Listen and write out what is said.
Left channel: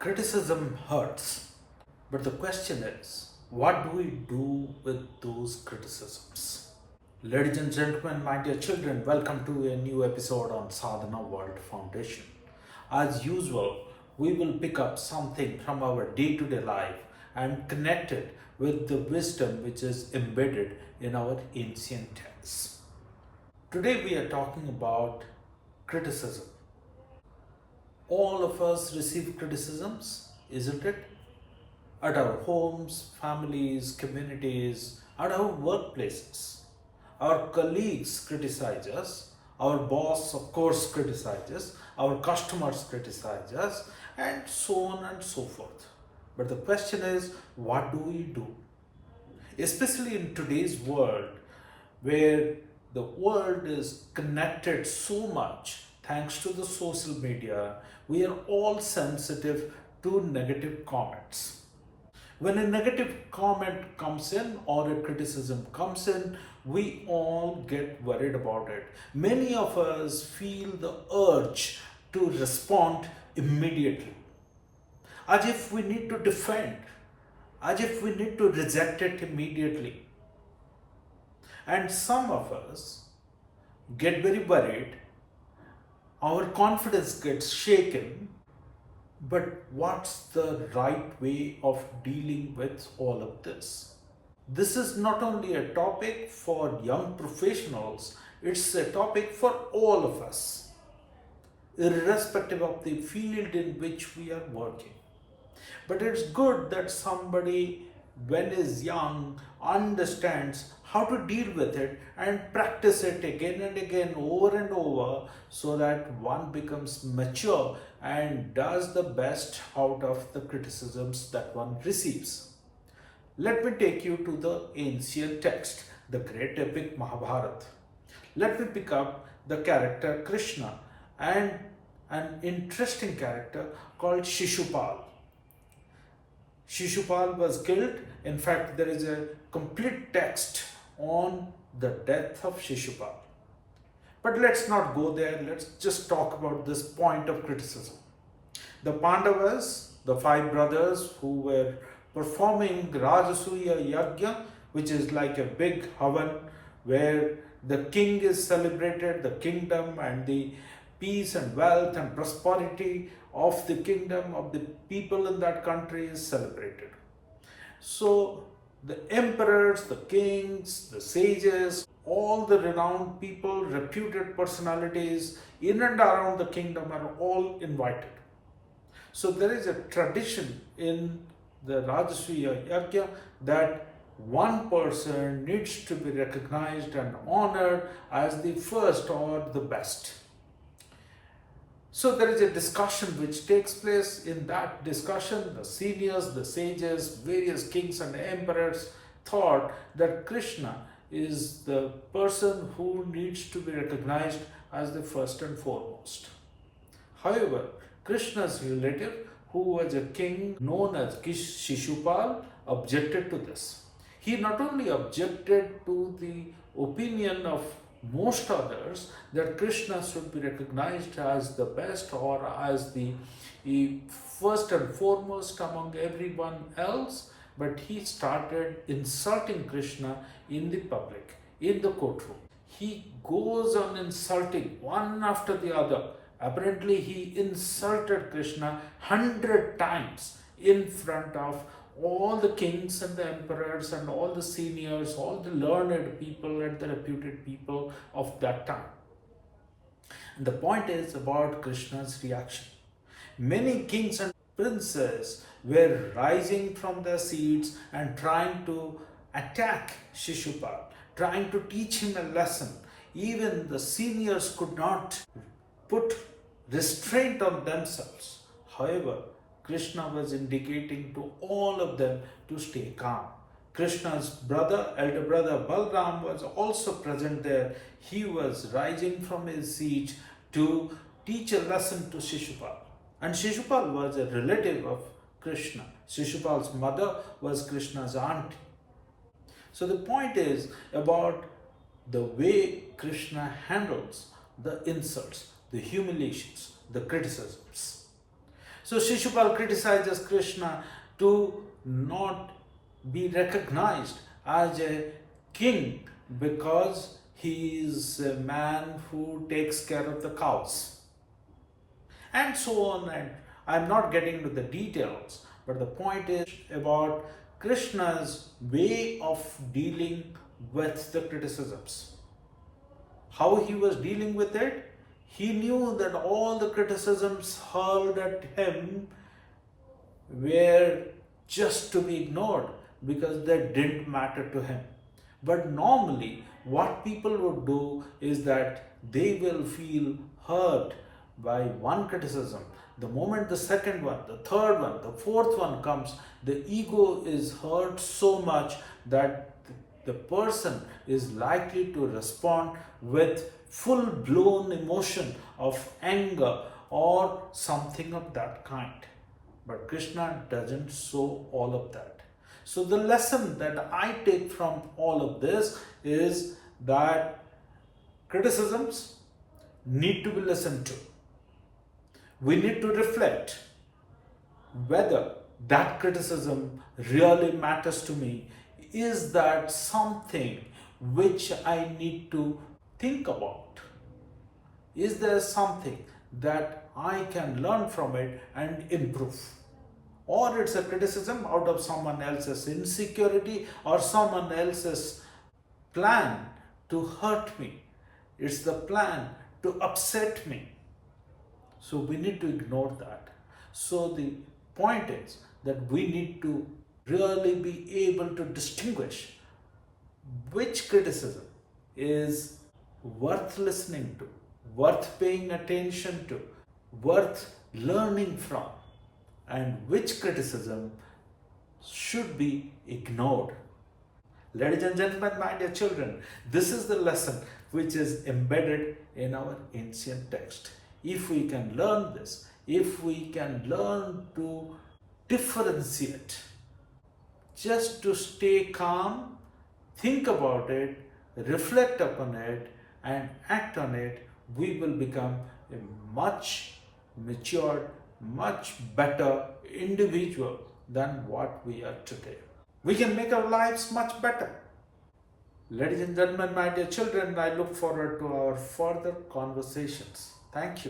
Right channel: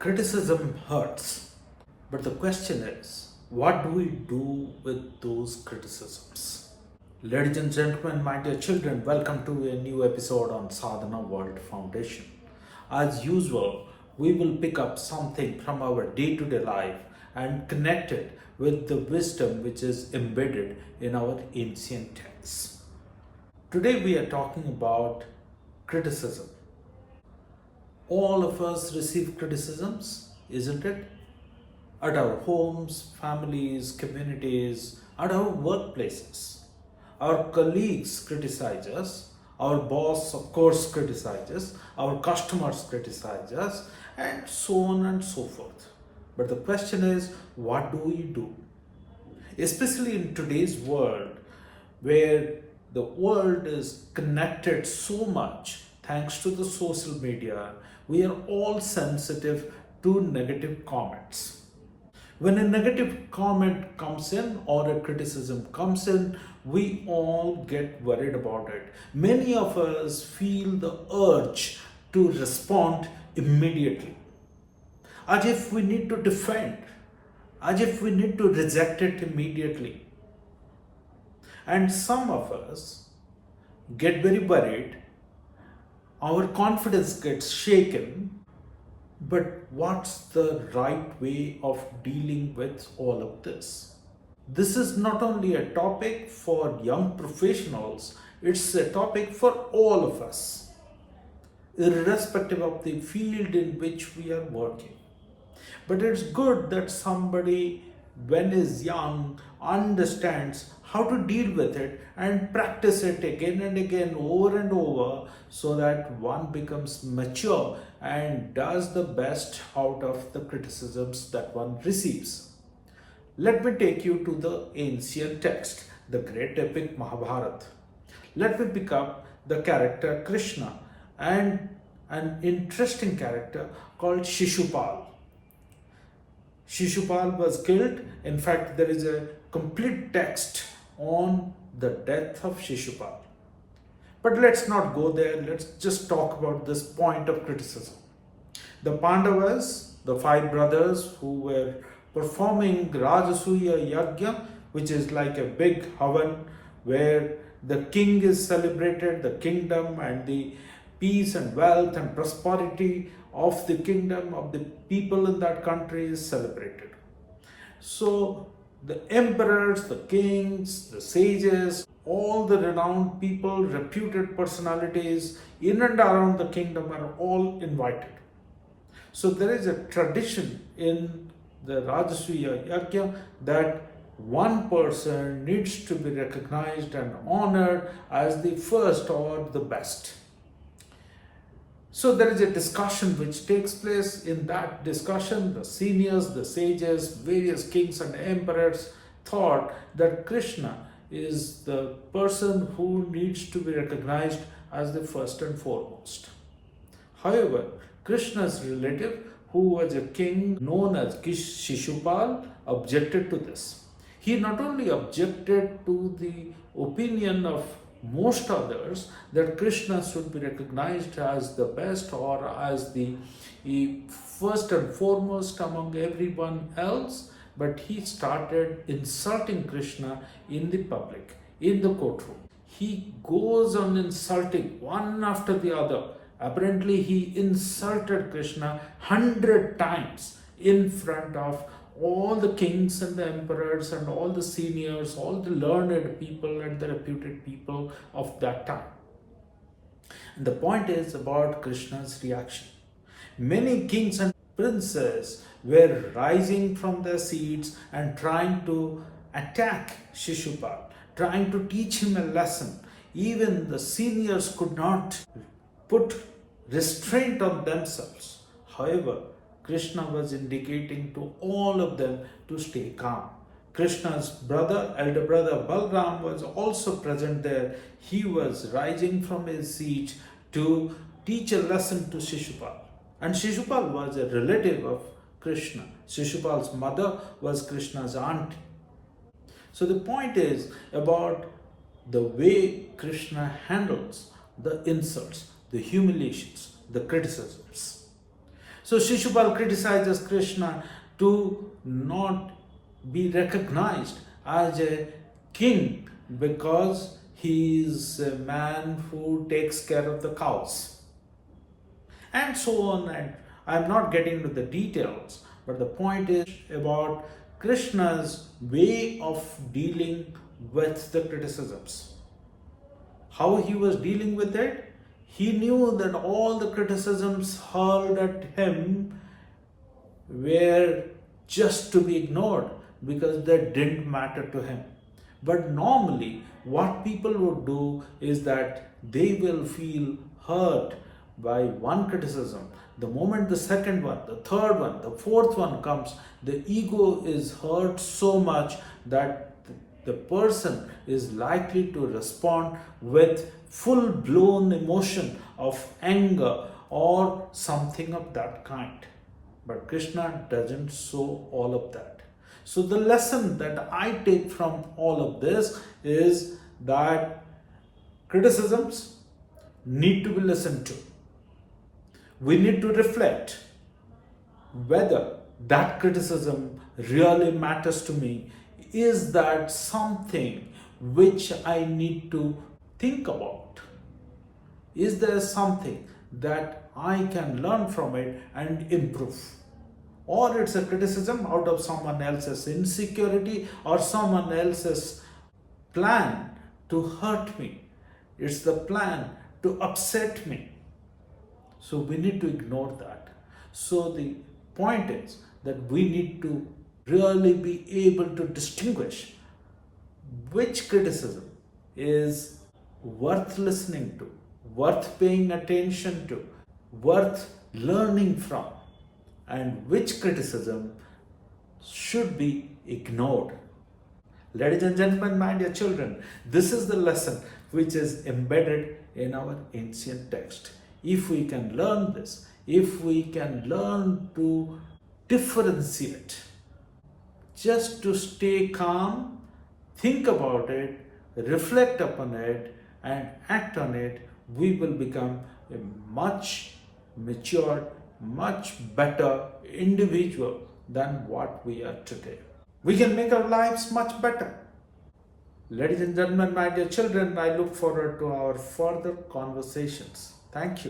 Criticism hurts, but the question is, what do we do with those criticisms? Ladies and gentlemen, my dear children, welcome to a new episode on Sadhana World Foundation. As usual, we will pick up something from our day-to-day life and connect it with the wisdom which is embedded in our ancient texts. Today we are talking about criticism. All of us receive criticisms, isn't it? At our homes, families, communities, at our workplaces. Our colleagues criticize us, our boss, of course, criticizes, our customers criticize us, and so on and so forth. But the question is, what do we do? Especially in today's world, where the world is connected so much thanks to the social media, we are all sensitive to negative comments. When a negative comment comes in or a criticism comes in, we all get worried about it. Many of us feel the urge to respond immediately, as if we need to defend, as if we need to reject it immediately. And some of us get very worried, our confidence gets shaken. But what's the right way of dealing with all of this? This is not only a topic for young professionals, it's a topic for all of us, irrespective of the field in which we are working. But it's good that somebody, when is young, understands how to deal with it and practice it again and again, over and over, so that one becomes mature and does the best out of the criticisms that one receives. Let me take you to the ancient text, the great epic Mahabharata. Let me pick up the character Krishna and an interesting character called Shishupala. Shishupal was killed. In fact, there is a complete text on the death of Shishupal. But let's not go there. Let's just talk about this point of criticism. The Pandavas, the five brothers who were performing Rajasuya Yajna, which is like a big havan where the king is celebrated, the kingdom and the peace and wealth and prosperity of the kingdom, of the people in that country is celebrated. So the emperors, the kings, the sages, all the renowned people, reputed personalities in and around the kingdom are all invited. So there is a tradition in the Rajasuya Yajna that one person needs to be recognized and honored as the first or the best. So there is a discussion which takes place. In that discussion, the seniors, the sages, various kings and emperors thought that Krishna is the person who needs to be recognized as the first and foremost. However, Krishna's relative, who was a king known as Shishupal, objected to this. He not only objected to the opinion of most others that Krishna should be recognized as the best or as the first and foremost among everyone else, but he started insulting Krishna in the public, in the courtroom. He goes on insulting one after the other. Apparently, he insulted Krishna 100 times in front of all the kings and the emperors and all the seniors, all the learned people and the reputed people of that time. And the point is about Krishna's reaction. Many kings and princes were rising from their seats and trying to attack Shishupal, trying to teach him a lesson. Even the seniors could not put restraint on themselves. However, Krishna was indicating to all of them to stay calm. Krishna's brother, elder brother Balram, was also present there. He was rising from his seat to teach a lesson to Shishupal. And Shishupal was a relative of Krishna. Shishupal's mother was Krishna's auntie. So the point is about the way Krishna handles the insults, the humiliations, the criticisms. So Shishupal criticizes Krishna to not be recognized as a king because he is a man who takes care of the cows. And so on. And I'm not getting into the details, but the point is about Krishna's way of dealing with the criticisms. How he was dealing with it? He knew that all the criticisms hurled at him were just to be ignored because they didn't matter to him. But normally, what people would do is that they will feel hurt by one criticism. The moment the second one, the third one, the fourth one comes, the ego is hurt so much that the person is likely to respond with full blown emotion of anger or something of that kind. But Krishna doesn't show all of that. So the lesson that I take from all of this is that criticisms need to be listened to. We need to reflect whether that criticism really matters to me. Is that something which I need to think about? Is there something that I can learn from it and improve? Or it's a criticism out of someone else's insecurity or someone else's plan to hurt me. It's the plan to upset me. So we need to ignore that. So the point is that we need to really be able to distinguish which criticism is worth listening to, worth paying attention to, worth learning from, and which criticism should be ignored. Ladies and gentlemen, my dear children, this is the lesson which is embedded in our ancient text. If we can learn this, if we can learn to differentiate, just to stay calm, think about it, reflect upon it, and act on it, we will become a much matured, much better individual than what we are today. We can make our lives much better. Ladies and gentlemen, my dear children, I look forward to our further conversations. Thank you.